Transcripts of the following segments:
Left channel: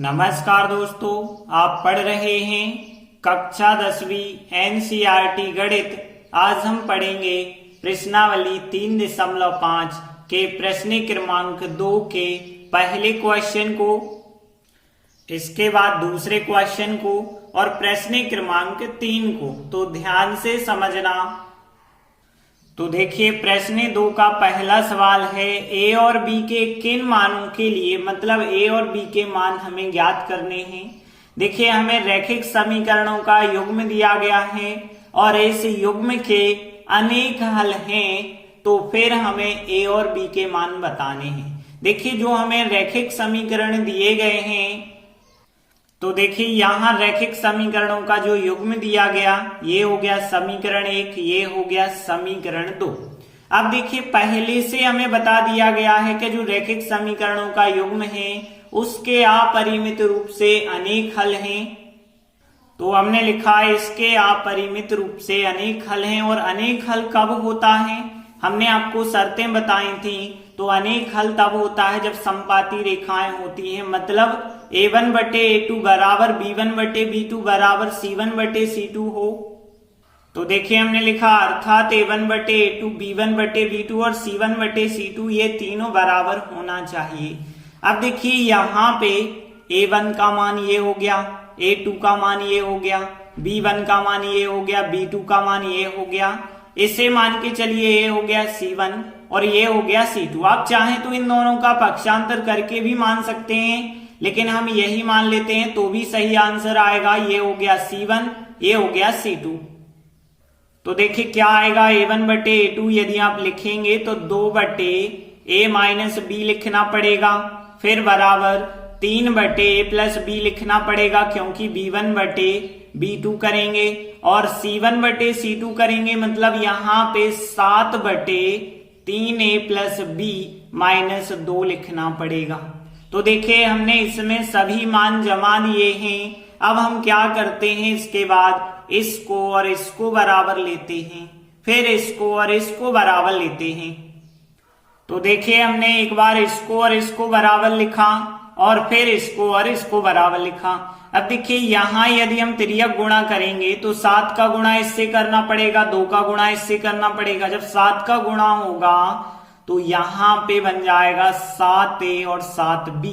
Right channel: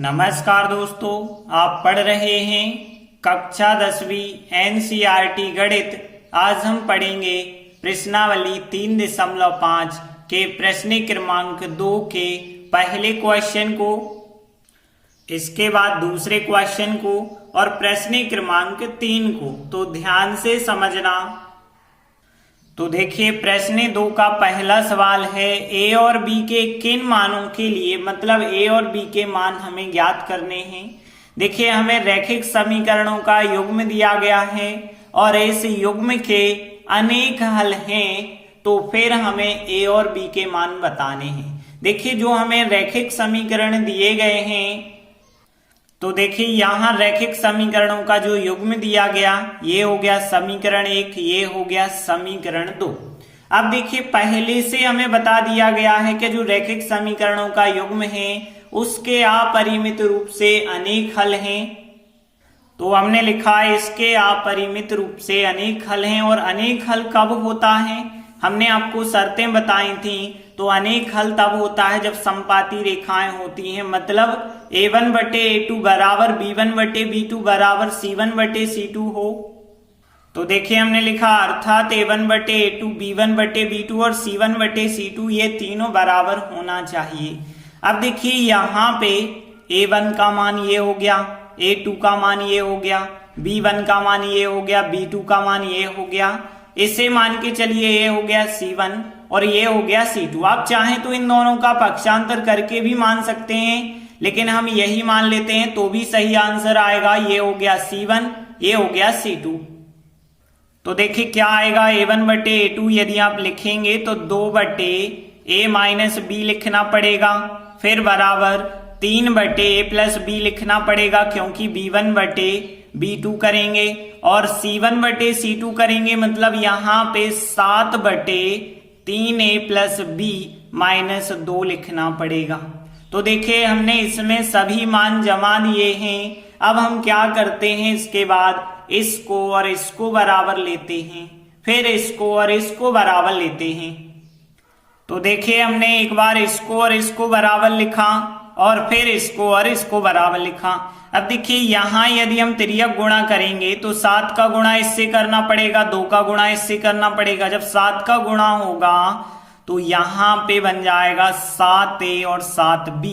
नमस्कार दोस्तों, आप पढ़ रहे हैं कक्षा 10वीं एनसीईआरटी गणित। आज हम पढ़ेंगे प्रश्नावली 3.5 के प्रश्न क्रमांक 2 के पहले क्वेश्चन को, इसके बाद दूसरे क्वेश्चन को और प्रश्न क्रमांक 3 को। तो ध्यान से समझना। तो देखिए, प्रश्न 2 का पहला सवाल है ए और बी के किन मानों के लिए, मतलब ए और बी के मान हमें ज्ञात करने हैं। देखिए, हमें रैखिक समीकरणों का युग्म दिया गया है और इस युग्म के अनेक हल हैं, तो फिर हमें ए और बी के मान बताने हैं। देखिए, जो हमें रैखिक समीकरण दिए गए हैं, तो देखिए यहाँ रैखिक समीकरणों का जो युग्म दिया गया, ये हो गया समीकरण 1, ये हो गया समीकरण 2। अब देखिए, पहले से हमें बता दिया गया है कि जो रैखिक समीकरणों का युग्म है उसके अपरिमित रूप से अनेक हल हैं। तो हमने लिखा है इसके अपरिमित रूप से अनेक हल हैं। और अनेक हल कब होता है, हमने आपको शर्तें बताई थी। तो अनेक हल तब होता है जब समपाती रेखाएं होती हैं, मतलब a1 बटे a2 बराबर b1 बटे b2 बराबर c1 बटे c2 हो। तो देखिए, हमने लिखा अर्थात a1 बटे a2 b1 बटे b2 और c1 बटे c2 ये तीनों बराबर होना चाहिए। अब देखिए, यहाँ पे a1 का मान ये हो गया, a2 का मान ये हो गया, b1 का मान ये हो गया, b2 का मान ये हो गया। इसे मान के चलिए ये हो गया c1 और ये हो गया c2। आप चाहें तो इन दोनों का पक्षांतर करके भी मान सकते हैं, लेकिन हम यही मान लेते हैं तो भी सही आंसर आएगा। ये हो गया c1, ये हो गया c2। तो देखिए क्या आएगा, a1 बटे a2 यदि आप लिखेंगे तो 2 बटे a माइनस b लिखना पड़ेगा, फिर बराबर 3 बटे a प्लस b लिखना पड़ेगा क्योंकि b1 बटे b2 करेंगे और c1 बटे c2 करेंगे, मतलब यहाँ पे 7 बटे 3a प्लस b माइनस 2 लिखना पड़ेगा। तो देखिए, हमने इसमें सभी मान जमा दिए हैं। अब हम क्या करते हैं, इसके बाद इसको और इसको बराबर लेते हैं, फिर इसको और इसको बराबर लेते हैं। तो देखिए, हमने एक बार इसको और इसको बराबर लिखा और फिर इसको और इसको बराबर लिखा। अब देखिए, यहाँ यदि हम तिर्यक गुणा करेंगे तो 7 का गुणा इससे करना पड़ेगा, 2 का गुणा इससे करना पड़ेगा। जब 7 का गुणा होगा तो यहाँ पे बन जाएगा 7a और 7b,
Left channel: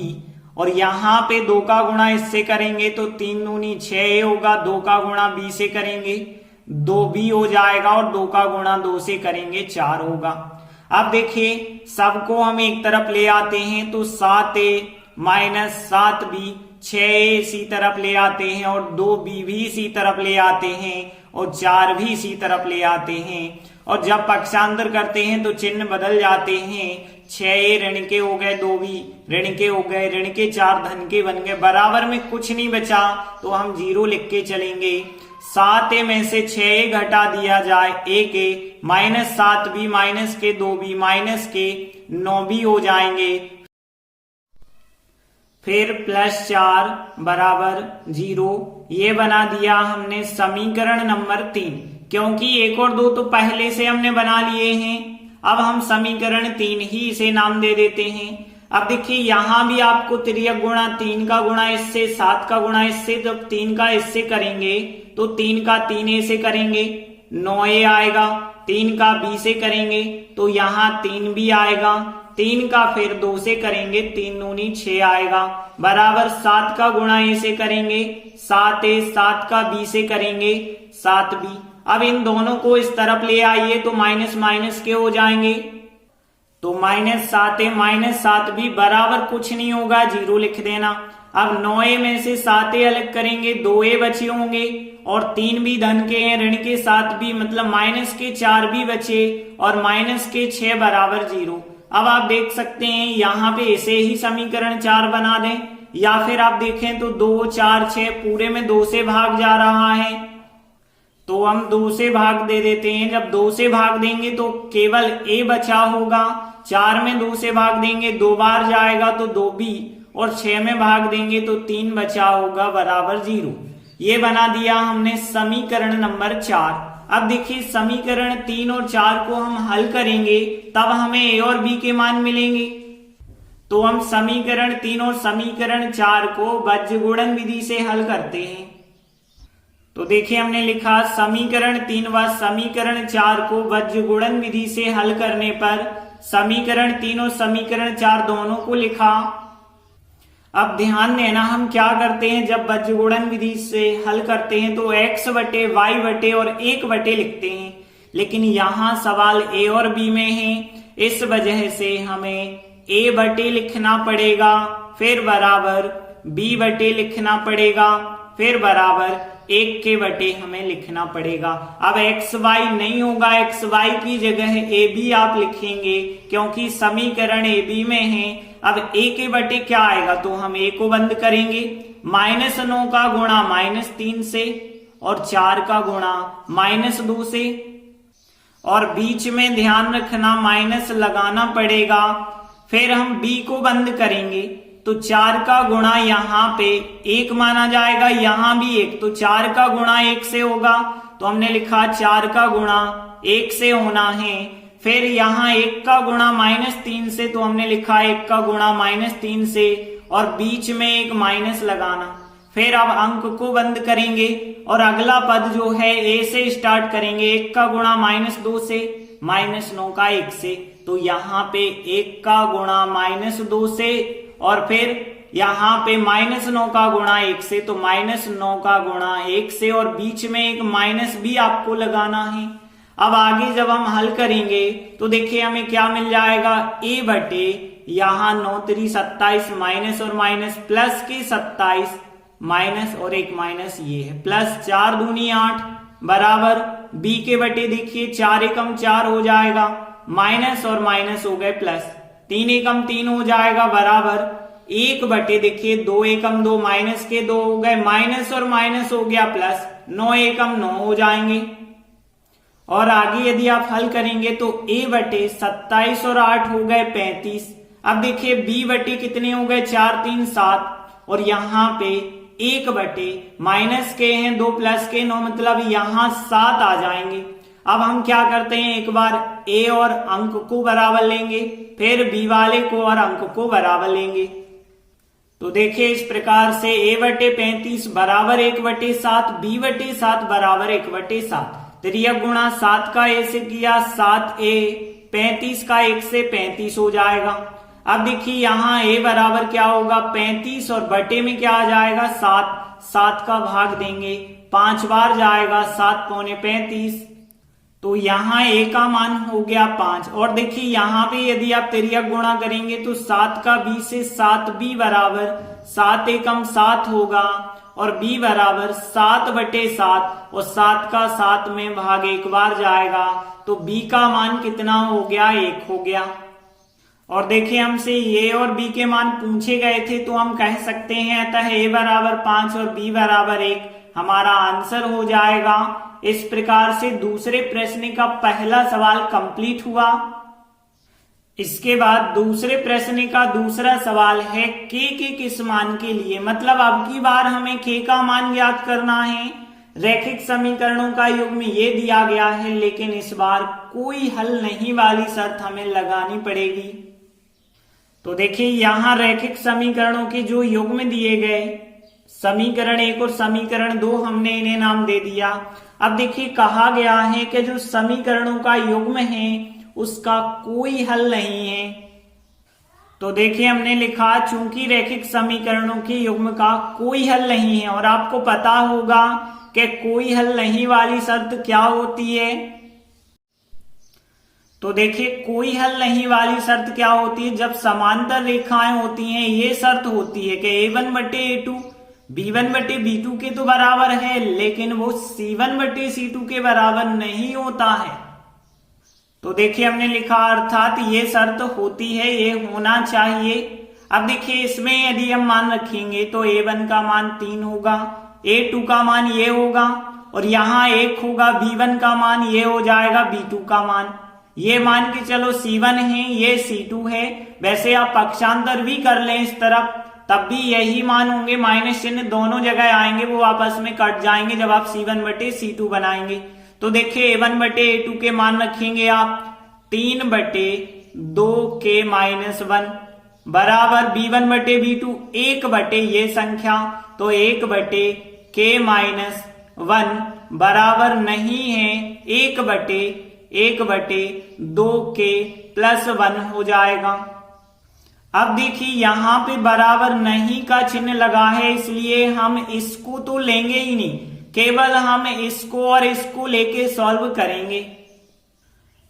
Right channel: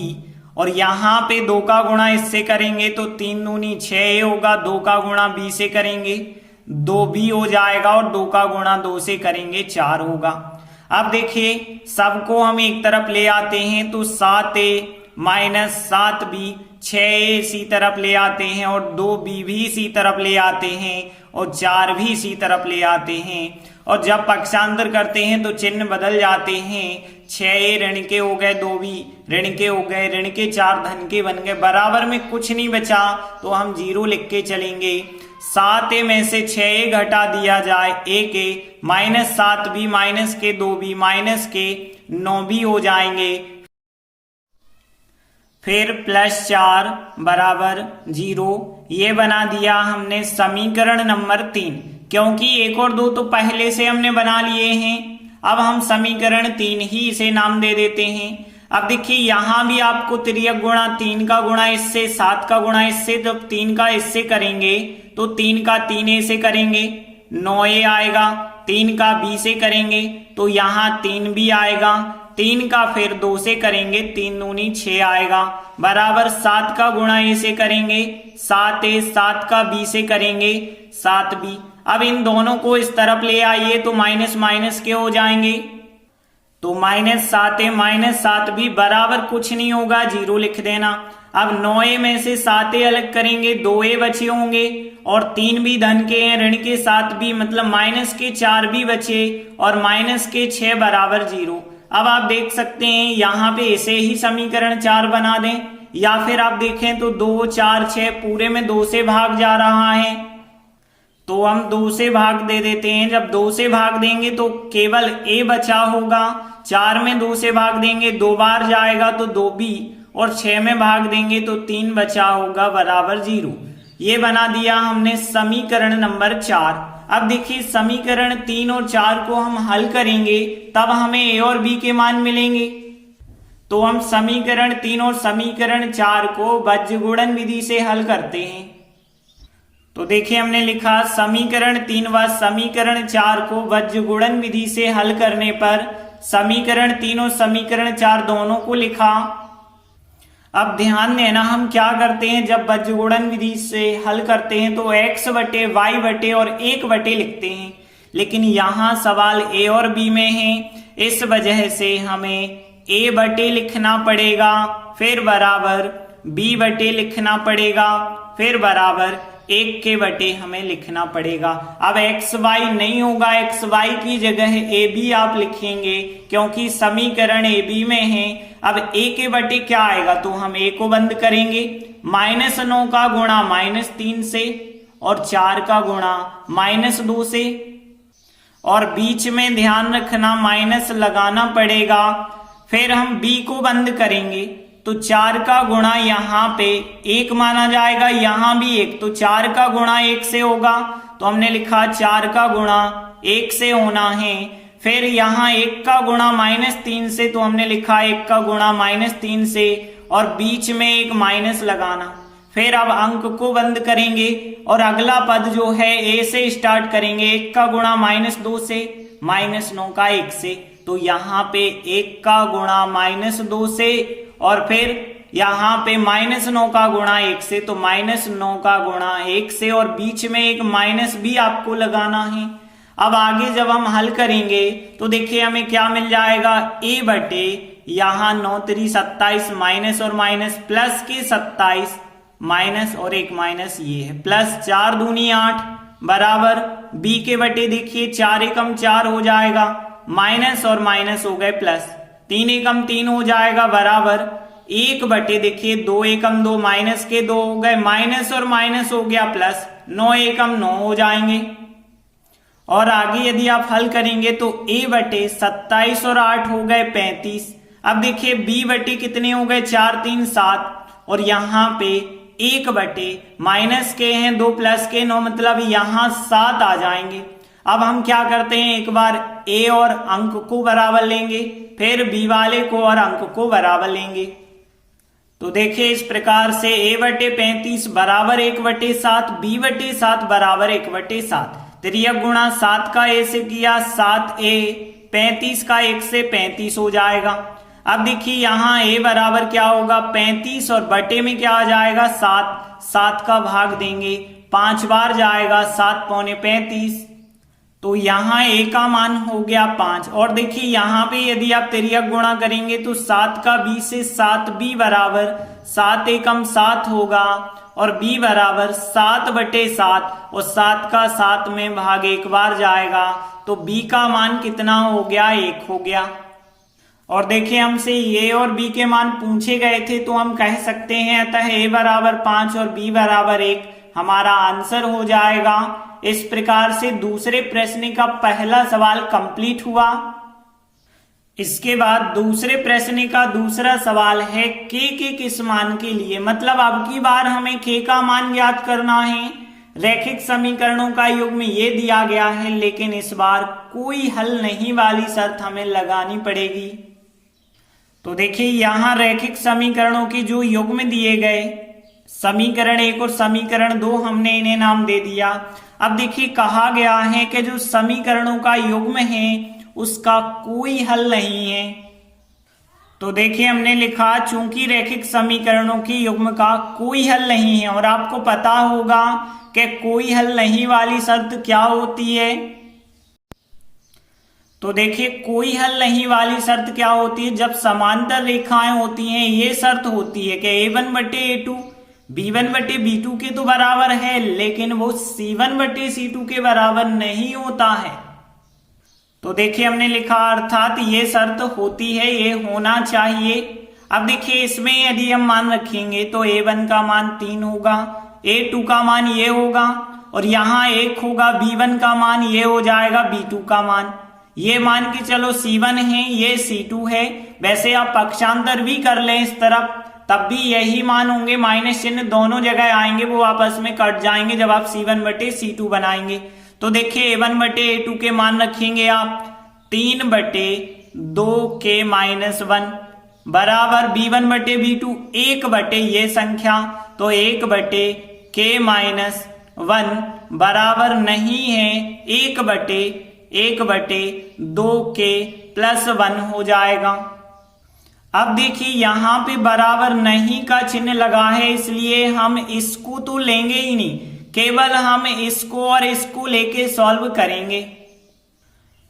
और यहाँ पे 2 का गुणा इससे करेंगे तो 3 दूनी 6a होगा, 2 का गुणा b से करेंगे 2b हो जाएगा और 2 का गुणा 2 से करेंगे 4 होगा। अब देखिए, सबको हम एक तरफ ले आते हैं तो 7a माइनस 7b, 6a इसी तरफ ले आते हैं और 2b भी इसी तरफ ले आते हैं और 4 भी इसी तरफ ले आते हैं। और जब पक्षांतर करते हैं तो चिन्ह बदल जाते हैं, 6a ऋण के हो गए, 2b ऋण के हो गए, ऋण के 4 धन के बन गए, बराबर में कुछ नहीं बचा तो हम 0 लिख के चलेंगे। 7a में से 6a घटा दिया जाए 1a, माइनस 7b माइनस के 2b माइनस के 9b हो जाएंगे, फिर प्लस 4 बराबर 0। ये बना दिया हमने समीकरण नंबर 3, क्योंकि 1 और 2 तो पहले से हमने बना लिए हैं। अब हम समीकरण 3 ही इसे नाम दे देते हैं। अब देखिए, यहाँ भी आपको तिर्यक गुणा 3 का गुणा इससे, 7 का गुणा इससे, जब 3 का इससे करेंगे तो 3 का 3a से करेंगे 9a आएगा, 3 का b से करेंगे तो यहाँ 3b आएगा, 3 का फिर 2 से करेंगे 3 दूनी 6 आएगा, बराबर 7 का गुणा a से करेंगे 7a, 7 का b से करेंगे 7b। अब इन दोनों को इस तरफ ले आइए तो माइनस माइनस के हो जाएंगे, तो माइनस 7a माइनस 7b बराबर कुछ नहीं होगा, 0 लिख देना। अब 9a में से 7a अलग करेंगे, 2a बचे होंगे और 3b धन के हैं, ऋण के 7b मतलब माइनस के 4b बचे और माइनस के 6 बराबर 0। अब आप देख सकते हैं यहाँ पे इसे ही समीकरण 4 बना दें, या फिर आप देखें तो 2 4 6 पूरे में 2 से भाग जा रहा है तो हम 2 से भाग दे देते हैं। जब 2 से भाग देंगे तो केवल a बचा होगा, 4 में 2 से भाग देंगे 2 बार जाएगा तो 2b, और 6 में भाग देंगे तो 3 बचा होगा बराबर 0। ये बना दिया हमने समीकरण नंबर 4। अब देखिए, समीकरण 3 और 4 को हम हल करेंगे तब हमें a और b के मान मिलेंगे। तो हम समीकरण 3 और समीकरण 4 को बज्र गुणन विधि से हल करते हैं। तो देखिए हमने लिखा समीकरण 3 व समीकरण 4 को बज्र गुणन विधि से हल करने पर समीकरण 3 और समीकरण 4 दोनों को लिखा। अब ध्यान देना हम क्या करते हैं, जब बज्र गुणन विधि से हल करते हैं तो x बटे y बटे और 1 बटे लिखते हैं, लेकिन यहाँ सवाल a और b में है, इस वजह से हमें a बटे लिखना पड़ेगा, फिर बराबर b बटे लिखना पड़ेगा, फिर बराबर 1 के बटे हमें लिखना पड़ेगा। अब एक्स वाई नहीं होगा, एक्स वाई की जगह ए बी आप लिखेंगे क्योंकि समीकरण ए बी में है। अब ए के बटे क्या आएगा, तो हम ए को बंद करेंगे, -9 का गुणा -3 से और 4 का गुणा -2 से, और बीच में ध्यान रखना माइनस लगाना पड़ेगा। फिर हम बी को बंद करेंगे तो 4 का गुणा यहाँ पे 1 माना जाएगा, यहाँ भी 1, तो 4 का गुणा 1 से होगा, तो हमने लिखा 4 का गुणा 1 से होना है। फिर यहाँ 1 का गुणा -3 से, तो हमने लिखा 1 का गुणा -3 से, और बीच में एक माइनस लगाना। फिर अब अंक को बंद करेंगे और अगला पद जो है ए से स्टार्ट करेंगे, 1 का गुणा -2 से, -9 का 1 से, तो यहाँ पे 1 का गुणा -2 से, और फिर यहाँ पे -9 का गुणा 1 से, तो -9 का गुणा 1 से, और बीच में एक माइनस भी आपको लगाना है। अब आगे जब हम हल करेंगे तो देखिए हमें क्या मिल जाएगा, a बटे यहाँ 9 3 27 माइनस और माइनस प्लस के 27 माइनस और एक माइनस ये है, प्लस 4 दूनी 8 बराबर b के बटे देखिए 4 एकम 4 हो जाएगा, माइनस और माइनस हो गए प्लस, 3 एकम 3 हो जाएगा बराबर 1 बटे देखिए 2 एकम 2 माइनस के 2 हो गए, माइनस और माइनस हो गया प्लस, 9 एकम 9 हो जाएंगे। और आगे यदि आप हल करेंगे तो a बटे 27 और 8 हो गए 35। अब देखिए b बटे कितने हो गए 4 3 7, और यहाँ पे 1 बटे माइनस के हैं 2 प्लस के 9, मतलब यहाँ 7 आ जाएंगे। अब हम क्या करते हैं, एक बार a और अंक को बराबर लेंगे, फिर b वाले को और अंक को बराबर लेंगे। तो देखिए इस प्रकार से a बटे 35 बराबर 1 बटे 7, b बटे 7 बराबर 1 बटे 7, तिर्यक गुणा 7 का a से किया 7a, 35 का 1 से 35 हो जाएगा। अब देखिए यहाँ a बराबर क्या होगा 35, और बटे में क्या आ जाएगा 7, 7 का भाग देंगे 5 बार जाएगा 7 पौने 35, तो यहाँ a का मान हो गया 5। और देखिए यहाँ पे यदि आप तिर्यक गुणा करेंगे तो 7 का b से 7b बराबर 7 एकम 7 होगा, और b बराबर 7 बटे 7, और 7 का 7 में भाग 1 बार जाएगा, तो b का मान कितना हो गया 1 हो गया। और देखिए हमसे a और b के मान पूछे गए थे, तो हम कह सकते हैं अतः a बराबर 5 और b बराबर 1 हमारा आंसर हो जाएगा। इस प्रकार से दूसरे प्रश्न का पहला सवाल कंप्लीट हुआ। इसके बाद दूसरे प्रश्न का दूसरा सवाल है k के किस मान के लिए, मतलब अब की बार हमें k का मान ज्ञात करना है। रैखिक समीकरणों का युग्म ये दिया गया है, लेकिन इस बार कोई हल नहीं वाली शर्त हमें लगानी पड़ेगी। तो देखिए यहाँ रैखिक समीकरणों के जो युग्म दिए गए, समीकरण 1 और समीकरण 2, हमने इन्हें नाम दे दिया। अब देखिए कहा गया है कि जो समीकरणों का युग्म है उसका कोई हल नहीं है। तो देखिए हमने लिखा चूंकि रैखिक समीकरणों के युग्म का कोई हल नहीं है, और आपको पता होगा कि कोई हल नहीं वाली शर्त क्या होती है। तो देखिए कोई हल नहीं वाली शर्त क्या होती है, जब समांतर रेखाएं होती हैं ये शर्त होती है कि a1 बटे a2 b1 बटे b2 के तो बराबर है, लेकिन वो c1 बटे c2 के बराबर नहीं होता है। तो देखिए हमने लिखा अर्थात ये शर्त होती है, ये होना चाहिए। अब देखिए इसमें यदि हम मान रखेंगे तो a1 का मान 3 होगा, a2 का मान ये होगा, और यहाँ 1 होगा, b1 का मान ये हो जाएगा, b2 का मान ये मान के चलो c1 है, ये c2 है। वैसे आप पक्षांतर भी कर लें इस तरफ, तब भी यही मान होंगे, माइनस चिन्ह दोनों जगह आएंगे, वो आपस में कट जाएंगे जब आप c1 बटे c2 बनाएंगे। तो देखिए a1 बटे a2 के मान रखेंगे आप 3 बटे 2 के -1 बराबर b1 बटे b2 एक बटे ये संख्या, तो 1 बटे k माइनस 1 बराबर नहीं है 1 बटे 2k प्लस 1 हो जाएगा। अब देखिए यहां पे बराबर नहीं का चिन्ह लगा है, इसलिए हम इसको तो लेंगे ही नहीं, केवल हम इसको और इसको लेके सॉल्व करेंगे।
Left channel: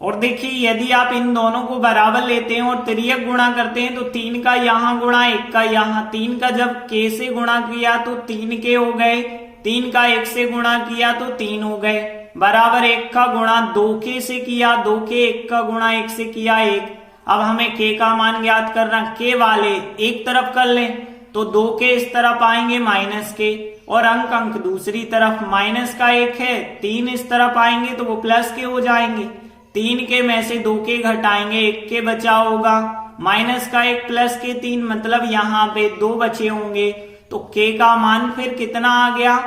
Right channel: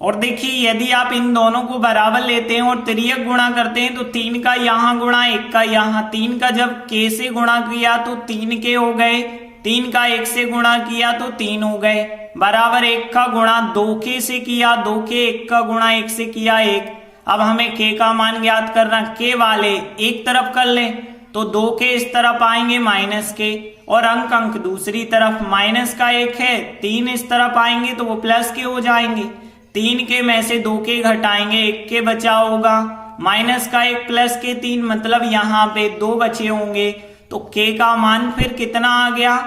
और देखिए यदि आप इन दोनों को बराबर लेते हैं और तिर्यक गुणा करते हैं तो 3 का यहां गुणा 1 का यहां, 3 का जब k से गुणा किया तो 3k हो गए, 3 का 1 से गुणा किया तो 3 हो गए, बराबर 1 का गुणा 2k से किया 2k, 1 का गुणा 1 से किया 1। अब हमें k का मान ज्ञात करना, k वाले एक तरफ कर लें तो 2k इस तरफ आएंगे माइनस के, और अंक दूसरी तरफ, माइनस का 1 है 3 इस तरफ आएंगे तो वो प्लस के हो जाएंगे, 3 के में से 2k घटाएंगे 1 के बचा होगा, माइनस का 1 प्लस के 3 मतलब यहाँ पे 2 बचे होंगे, तो k का मान फिर कितना आ गया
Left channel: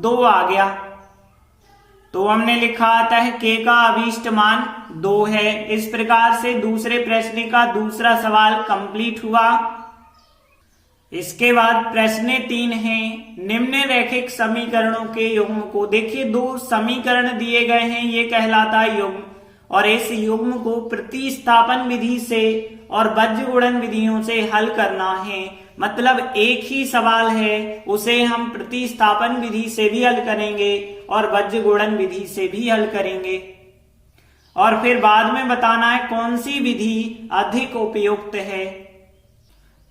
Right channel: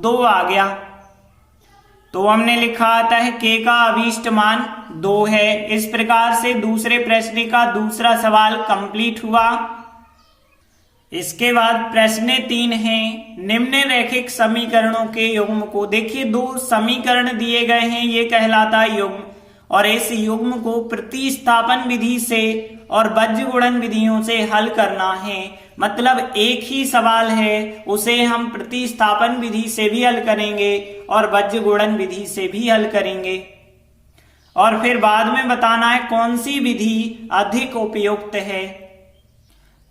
2 आ गया। तो हमने लिखा आता है k का अभीष्ट मान 2 है। इस प्रकार से दूसरे प्रश्न का दूसरा सवाल कंप्लीट हुआ। इसके बाद प्रश्न 3 है, निम्न रैखिक समीकरणों के युग्म को, देखिए 2 समीकरण दिए गए हैं, ये कहलाता है युग्म, और इस युग्म को प्रतिस्थापन विधि से और बीजगणित विधियों से हल करना है। मतलब एक ही सवाल है, उसे हम प्रतिस्थापन विधि से भी हल करेंगे और बीजगणित विधि से भी हल करेंगे, और फिर बाद में बताना है कौन सी विधि अधिक उपयुक्त है।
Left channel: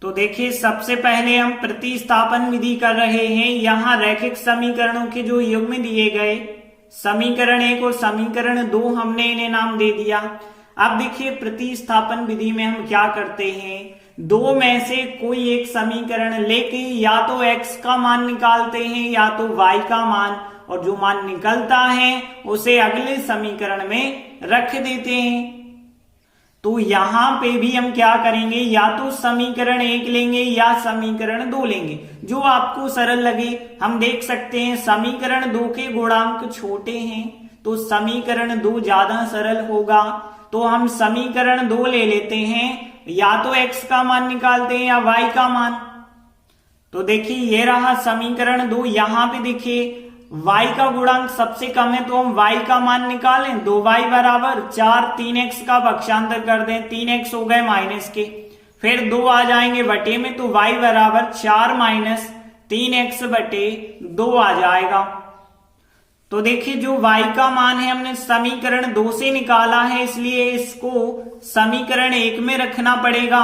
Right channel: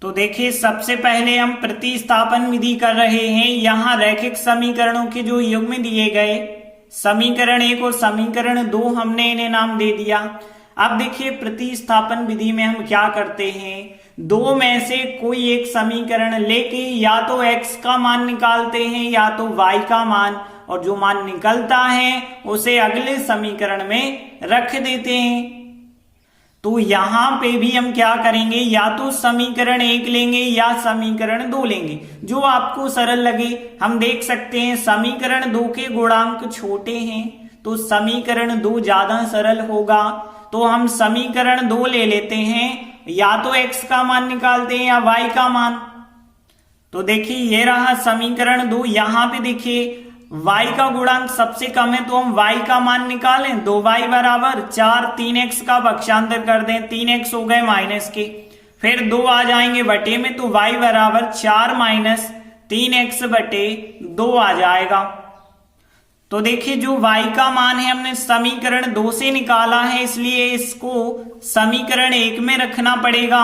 तो देखिए सबसे पहले हम प्रतिस्थापन विधि कर रहे हैं। यहाँ रैखिक समीकरणों के जो युग्म दिए गए, समीकरण 1 और समीकरण 2, हमने इन्हें नाम दे दिया। अब देखिए प्रतिस्थापन विधि में हम क्या करते हैं, 2 में से कोई एक समीकरण लेके या तो x का मान निकालते हैं या तो y का मान, और जो मान निकलता है उसे अगले समीकरण में रख देते हैं। तो यहां पे भी हम क्या करेंगे, या तो समीकरण 1 लेंगे या समीकरण 2 लेंगे, जो आपको सरल लगे। हम देख सकते हैं समीकरण 2 के गुणांक छोटे हैं तो समीकरण 2 ज्यादा सरल होगा, तो हम समीकरण 2 ले लेते हैं, या तो x का मान निकालते हैं या y का मान। तो देखिए ये रहा समीकरण 2। यहां पे देखिए y का गुणांक सबसे कम है तो हम y का मान निकालें, 2y बराबर 4, 3x का पक्षांतर कर दें, 3x हो गए माइनस के, फिर 2 आ जाएंगे बटे में, तो y बराबर 4 माइनस 3x बटे 2 आ जाएगा। तो देखिए जो y का मान है हमने समीकरण 2 से निकाला है, इसलिए इसको समीकरण 1 में रखना पड़ेगा।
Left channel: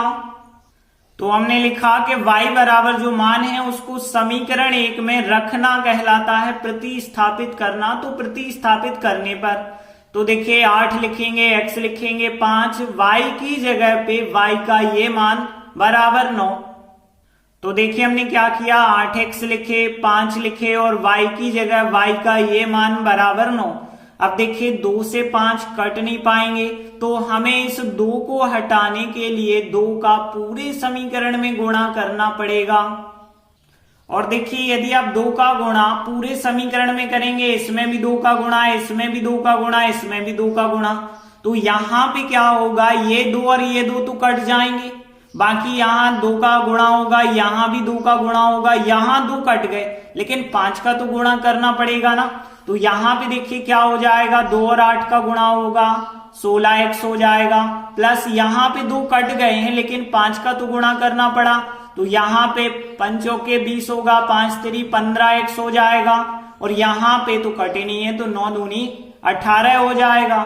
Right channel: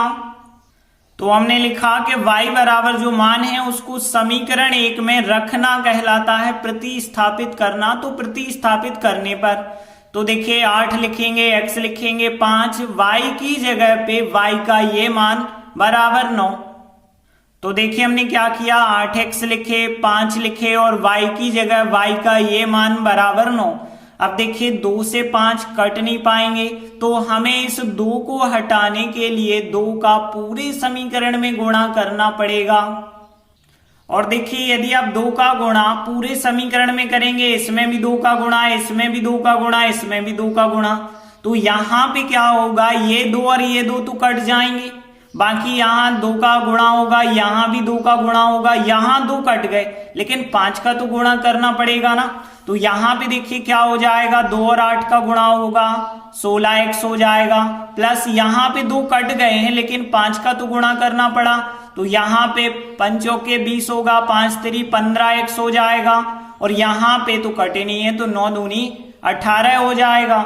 तो हमने लिखा कि y बराबर जो मान है उसको समीकरण 1 में रखना कहलाता है प्रतिस्थापित करना। तो प्रतिस्थापित करने पर तो देखिए 8 लिखेंगे, x लिखेंगे 5, y की जगह पे y का ये मान बराबर 9। तो देखिए हमने क्या किया, 8x लिखे, 5 लिखे और y की जगह y का ये मान बराबर 9। अब देखिए 2 से 5 कट नहीं पाएंगे, तो हमें इस 2 को हटाने के लिए 2 का पूरे समीकरण में गुणा करना पड़ेगा। और देखिए यदि आप 2 का गुणा पूरे समीकरण में करेंगे, इसमें भी 2 का गुणा, इसमें भी 2 का गुणा, इसमें भी 2 का गुणा, तो यहां पे क्या होगा, ये 2 और ये 2 तो कट जाएंगे, बाकी यहाँ 2 का गुणा होगा, यहाँ भी 2 का गुणा होगा, यहाँ 2 कट गए, लेकिन 5 का तो गुणा करना पड़ेगा ना। तो यहाँ पे देखिए क्या हो जाएगा, 2 और 8 का गुणा होगा 16x हो जाएगा, प्लस यहाँ पे 2 कट गए हैं लेकिन 5 का तो गुणा करना पड़ा, तो यहाँ पे 5 चौके 20 होगा, 5 3 15x हो जाएगा, और यहाँ पे तो कटे नहीं है तो 9 दूनी 18 हो जाएगा।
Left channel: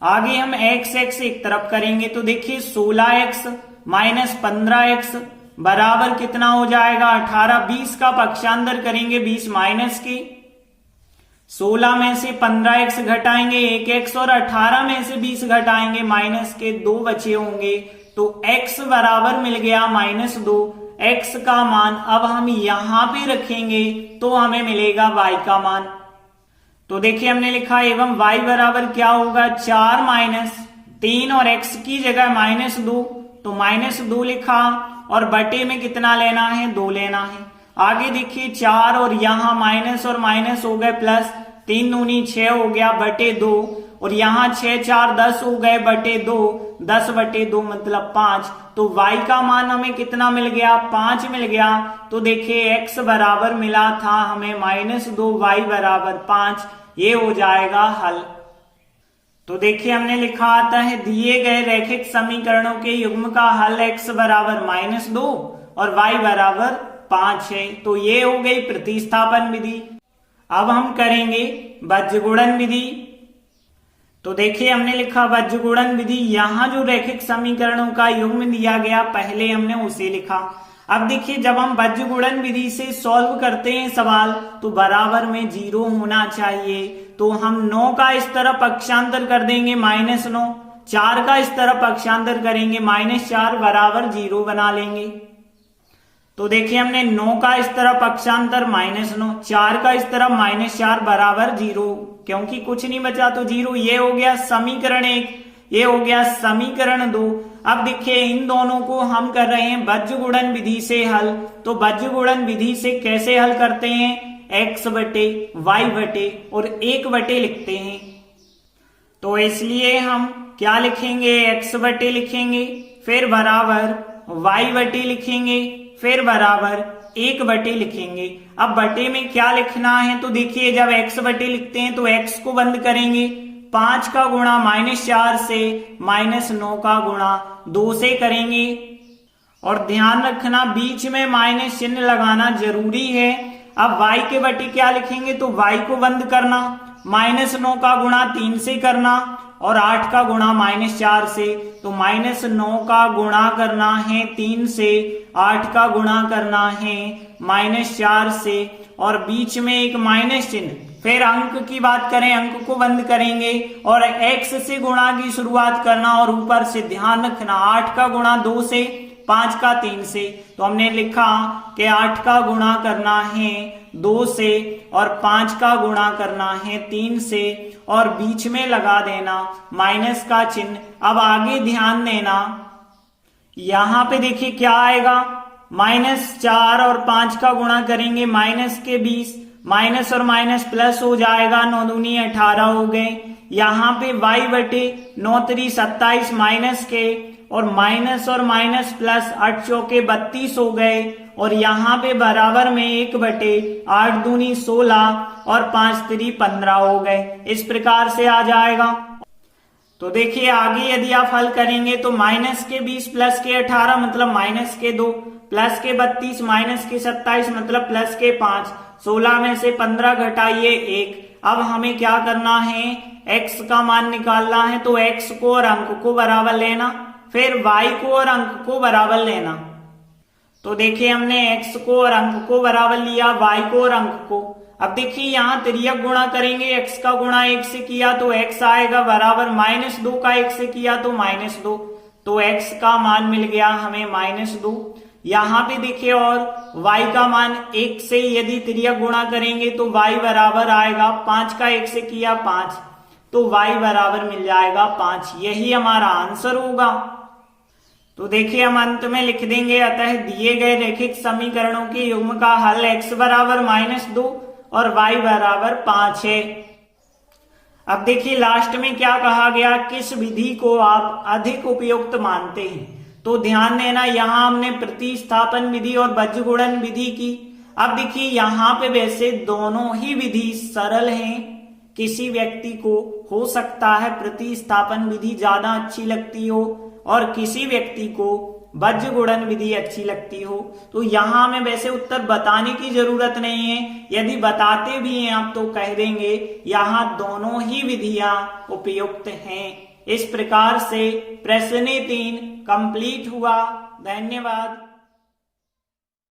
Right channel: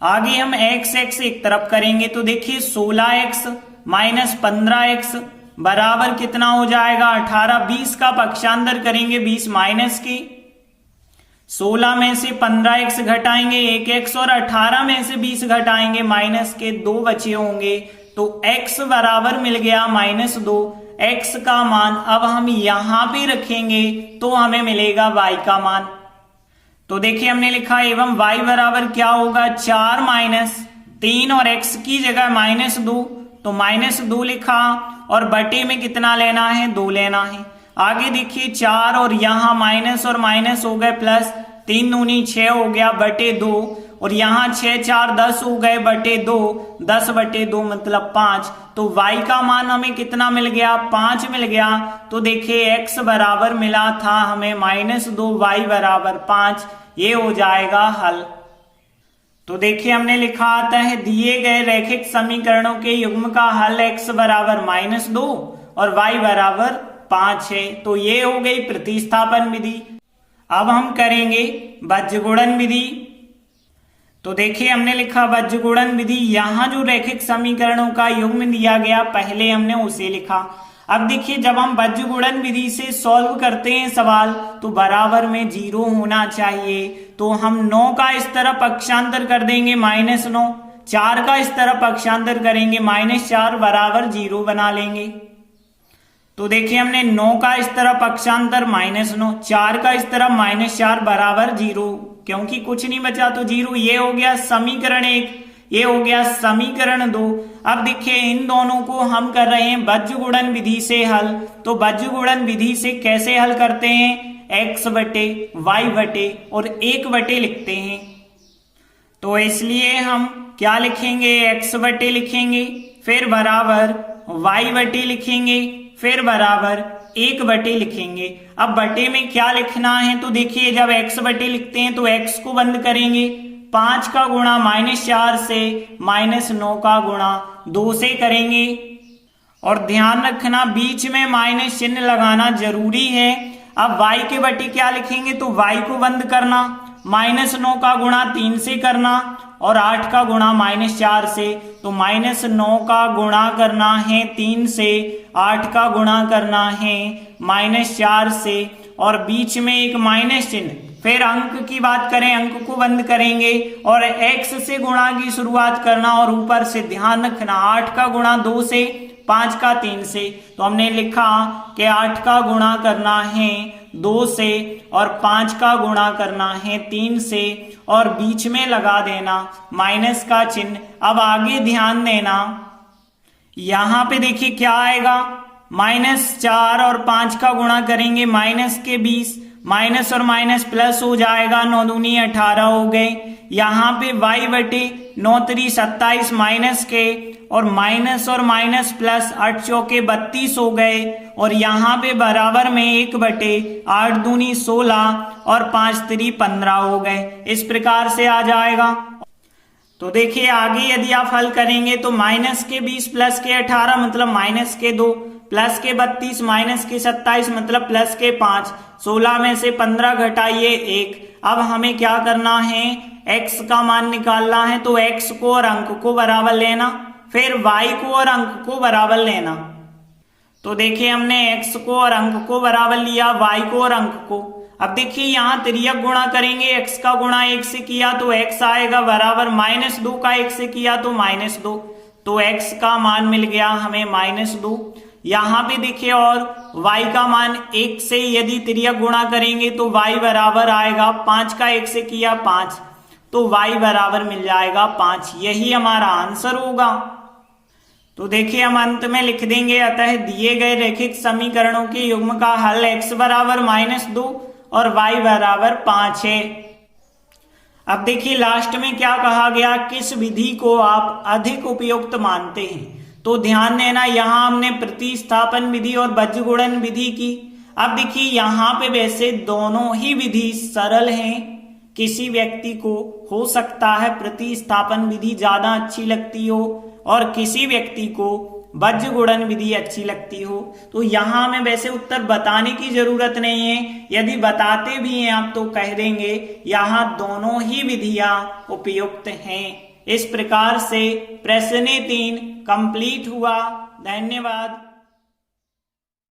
आगे हम x एक तरफ करेंगे, तो देखिए 16x माइनस 15x बराबर कितना हो जाएगा 18। 20 का पक्षांतर करेंगे, 20 माइनस की, 16 में से 15x घटाएंगे 1x, और 18 में से 20 घटाएंगे माइनस के 2 बचे होंगे, तो x बराबर मिल गया -2। x का मान अब हम यहां पे रखेंगे तो हमें मिलेगा y का मान। तो देखिए हमने लिखा एवं y बराबर क्या होगा 4 माइनस 3 और x की जगह -2, तो -2 लिखा, और बटे में कितना लेना है 2 लेना है। आगे देखिए 4 और यहाँ माइनस और माइनस हो गए प्लस, 3 दूनी 6 हो गया बटे 2, और यहाँ 6 4 10 हो गए बटे 2, 10 बटे 2 मतलब 5। तो y का मान हमें कितना मिल गया, 5 मिल गया। तो देखिए x बराबर मिला था हमें -2, y बराबर 5, ये हो जाएगा हल। तो देखिए हमने लिखा आता है दिए गए रैखिक समीकरणों के युग्म का हल x बराबर -2 और y बराबर 5 है। तो ये हो गई प्रतिस्थापन विधि। अब हम करेंगे बज्रगुणन विधि। तो देखिए हमने लिखा बज्रगुणन विधि, यहाँ जो रैखिक समीकरणों का युग्म दिया गया पहले हमने उसे लिखा। अब देखिए जब हम बज्रगुणन विधि से सॉल्व करते हैं सवाल तो बराबर में 0 होना चाहिए। तो हम 9 का इस तरफ पक्षांतर कर देंगे -9, 4 का इस तरफ पक्षांतर करेंगे -4 बराबर 0 बना लेंगे। तो देखिए हमने 9 का इस तरफ पक्षांतर -9, 4 का इस तरफ -4 बराबर 0, क्योंकि कुछ नहीं बचा तो 0। ये हो गया समीकरण 1, ये हो गया समीकरण 2। अब देखिए इन दोनों को हम कर रहे हैं बज्रगुणन विधि से हल। तो बज्रगुणन विधि से कैसे हल करते हैं, x बटे y बटे और 1 बटे लिखते हैं। तो इसलिए हम क्या लिखेंगे, x बटे लिखेंगे, फिर बराबर y बटे लिखेंगे, फिर बराबर 1 बटे लिखेंगे। अब बटे में क्या लिखना है, तो देखिए जब x बटे लिखते हैं तो x को बंद करेंगे, 5 का गुणा -4 से, -9 का गुणा 2 से करेंगे। और ध्यान रखना बीच में माइनस चिन्ह लगाना जरूरी है। अब y के बटे क्या लिखेंगे, तो y को बंद करना, -9 का गुणा 3 से करना और 8 का गुणा -4 से। तो -9 का गुणा करना है 3 से, 8 का गुणा करना है -4 से और बीच में एक माइनस चिन्ह। फिर अंक की बात करें, अंक को बंद करेंगे और x से गुणा की शुरुआत करना और ऊपर से ध्यान रखना 8 का गुणा 2 से, 5 का 3 से। तो हमने लिखा कि 8 का गुणा करना है 2 से और 5 का गुणा करना है 3 से और बीच में लगा देना माइनस का चिन्ह। अब आगे ध्यान देना, यहां पे देखिए क्या आएगा, -4 और 5 का गुणा करेंगे माइनस के 20, माइनस और माइनस प्लस हो जाएगा, 9 दूनी 18 हो गए। यहाँ पे y बटे 9 3 27 माइनस के और माइनस प्लस 8 चौके 32 हो गए और यहाँ पे बराबर में 1 बटे 8 दूनी 16 और 5 3 15 हो गए। इस प्रकार से आ जाएगा। तो देखिए आगे यदि आप हल करेंगे तो माइनस के 20 प्लस के 18 मतलब माइनस के 2, प्लस के 32 माइनस के 27 मतलब प्लस के 5, 16 में से 15 घटाइए 1। अब हमें क्या करना है, x का मान निकालना है। तो x को और अंक को बराबर लेना, फिर y को और अंक को बराबर लेना। तो देखिए हमने x को और अंक को बराबर लिया, y को और अंक को। अब देखिए यहाँ तिर्यक गुणा करेंगे, x का गुणा 1 से किया तो x आएगा बराबर, -2 का 1 से किया तो -2। तो x का मान मिल गया हमें -2। यहाँ पे देखिए और y का मान 1 से यदि तिर्यक गुणा करेंगे तो y बराबर आएगा, 5 का 1 से किया 5, तो y बराबर मिल जाएगा 5। यही हमारा आंसर होगा। तो देखिए हम अंत में लिख देंगे, अतः दिए गए रैखिक समीकरणों के युग्म का हल x बराबर -2 और y बराबर 5 है। अब देखिए लास्ट में क्या कहा गया, किस विधि को आप अधिक उपयुक्त मानते हैं। तो ध्यान देना, यहाँ हमने प्रतिस्थापन विधि और बज्रगुणन विधि की। अब देखिए यहाँ पे वैसे दोनों ही विधि सरल हैं। किसी व्यक्ति को हो सकता है प्रतिस्थापन विधि ज्यादा अच्छी लगती हो और किसी व्यक्ति को बज्रगुणन विधि अच्छी लगती हो। तो यहाँ हमें वैसे उत्तर बताने की जरूरत नहीं है, यदि बताते भी हैं आप तो कह देंगे यहाँ दोनों ही विधियां उपयुक्त हैं। इस प्रकार से प्रश्न 3 कंप्लीट हुआ। धन्यवाद।